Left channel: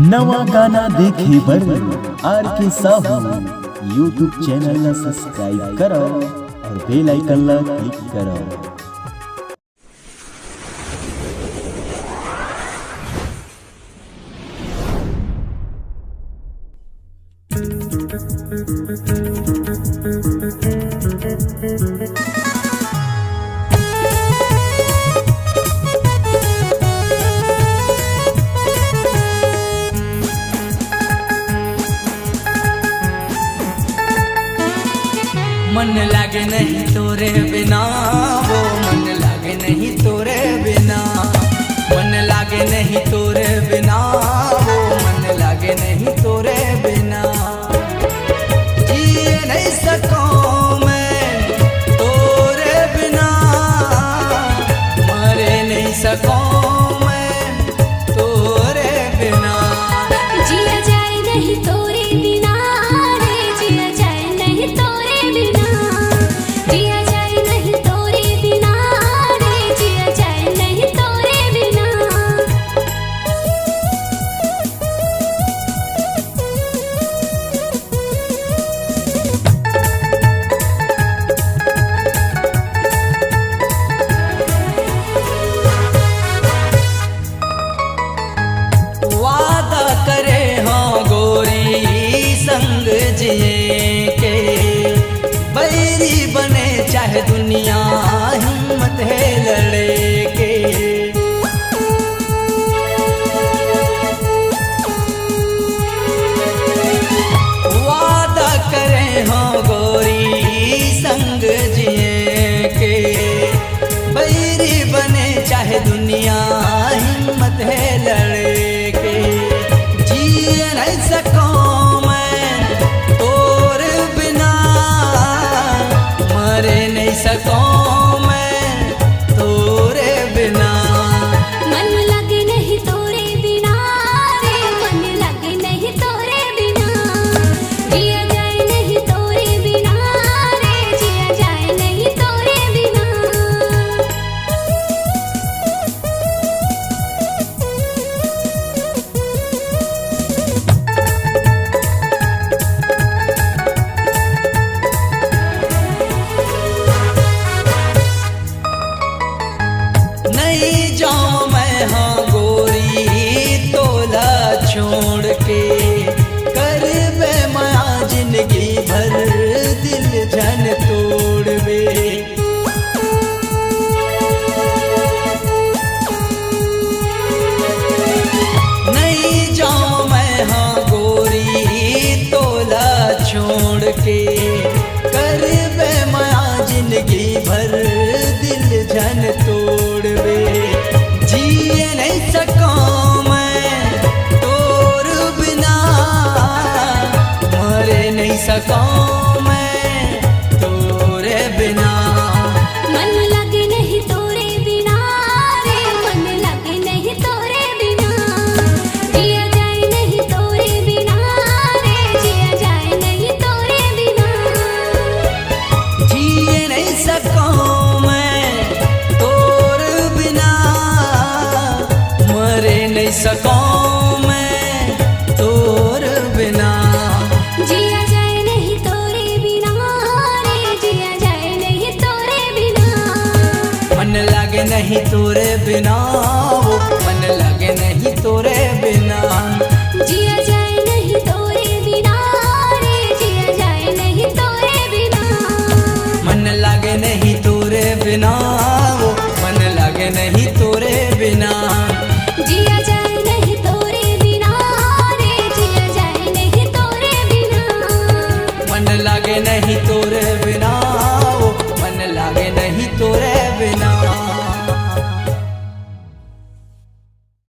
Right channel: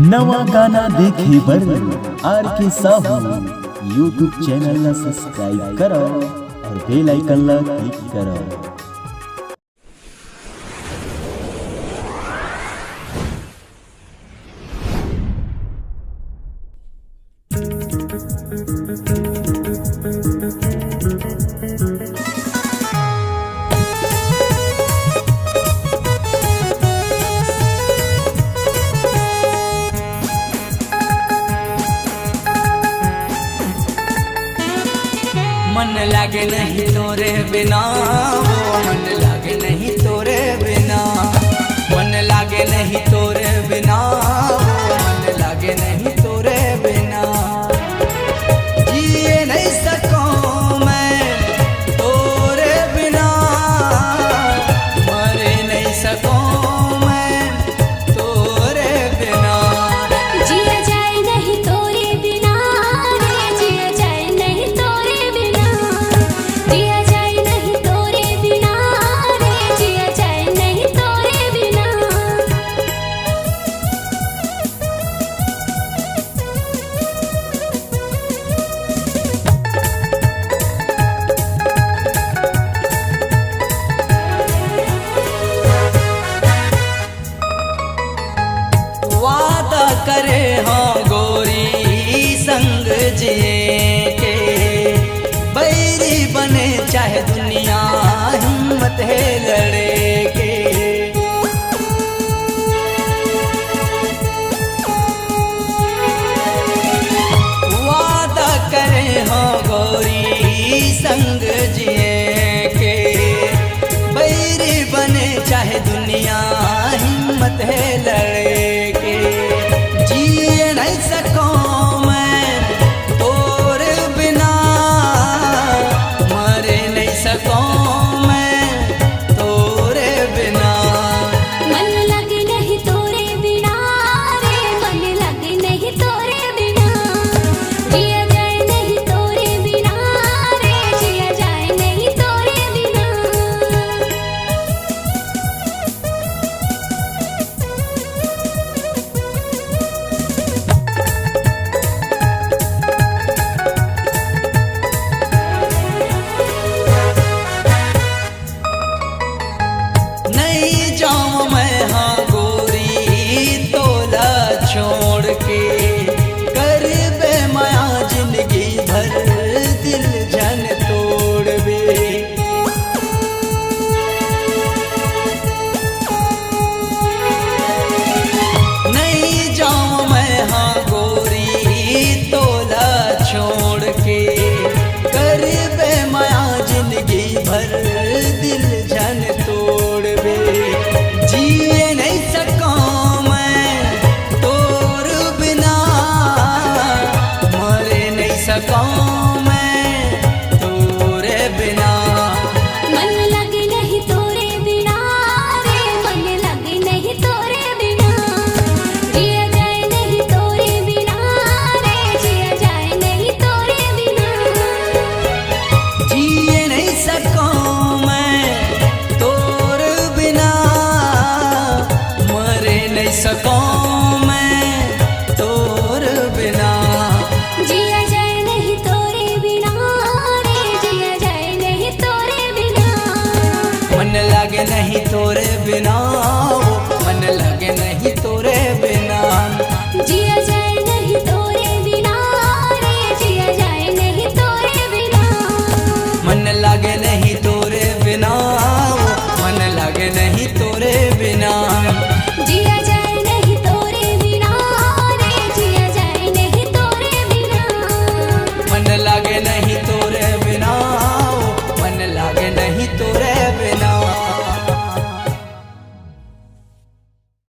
नवा गाना देखे बर आर के साहू यूट्यूब चैनल ला सब्सक्राइब करो और बेल आइकन ला क्लिक करो। मन लागे नहीं तोरे बिना, वो मन लागे नहीं तोरे बिना, मन लागे नहीं तोरे बिना, वो मन लागे नहीं तोरे बिना। जिए नहीं सकूं मैं तोरे बिना, मरे नहीं सकूं मैं तोरे बिना। जिया जाए नहीं तोरे बिना रे, जिया जाए नहीं तोरे बिना, जिया जाए नहीं तोरे बिना रे, जिया जाए नहीं तोरे बिना। वादा करे हाँ गोरी संग जिए के, बैरी बने चाहे दुनिया हिम्मत है लड़े के। वादा करे हाँ गोरी संग जिए के, बैरी बने चाहे दुनिया हिम्मत है लड़े के। जिए नहीं सकूं मैं तोर बिना, मरे नहीं सकूं मैं तोरे बिना। मन लगे नहीं तोरे बिना रे, मन लगे नहीं तोरे बिना, जिया जाए नहीं तोरे बिना रे, जिया जाए नहीं तोरे बिना। नहीं जाऊं मैं हाँ गोरी तोला छोड़ के, कर बे माया जिंदगी भर दिल जन तोड़ बे। नहीं जाऊं मैं हाँ गोरी तोला छोड़ के, कर बे माया जिंदगी भर दिल जन तोड़ बे। जिए नहीं सकूं मैं तोर बिना, मरे नहीं सकूं मैं तोरे बिना। मन लगे नहीं तोरे बिना रे, मन लगे नहीं तोरे बिना, जिया जाए नहीं तोरे बिना रे, जिया जाए नहीं तोरे बिना। जिए नहीं सकूं मैं तोर बिना, मरे नहीं सकूं मैं तोर बिना। जिया जाए नहीं तोरे बिना रे, जिया जाए नहीं तोरे बिना। मन लागे नहीं तोरे बिना, वो मन लागे नहीं तोरे बिना। जिया जाए नहीं तोरे बिना रे, जिया जाए नहीं तोरे बिना। मन लागे नहीं तोरे बिना, वो मन लागे नहीं तोरे बिना। जिया जाए नहीं तोरे बिना रे, जिया जाए नहीं तोरे बिना। मन लागे नहीं तोरे बिना, वो मन लागे नहीं तोरे बिना।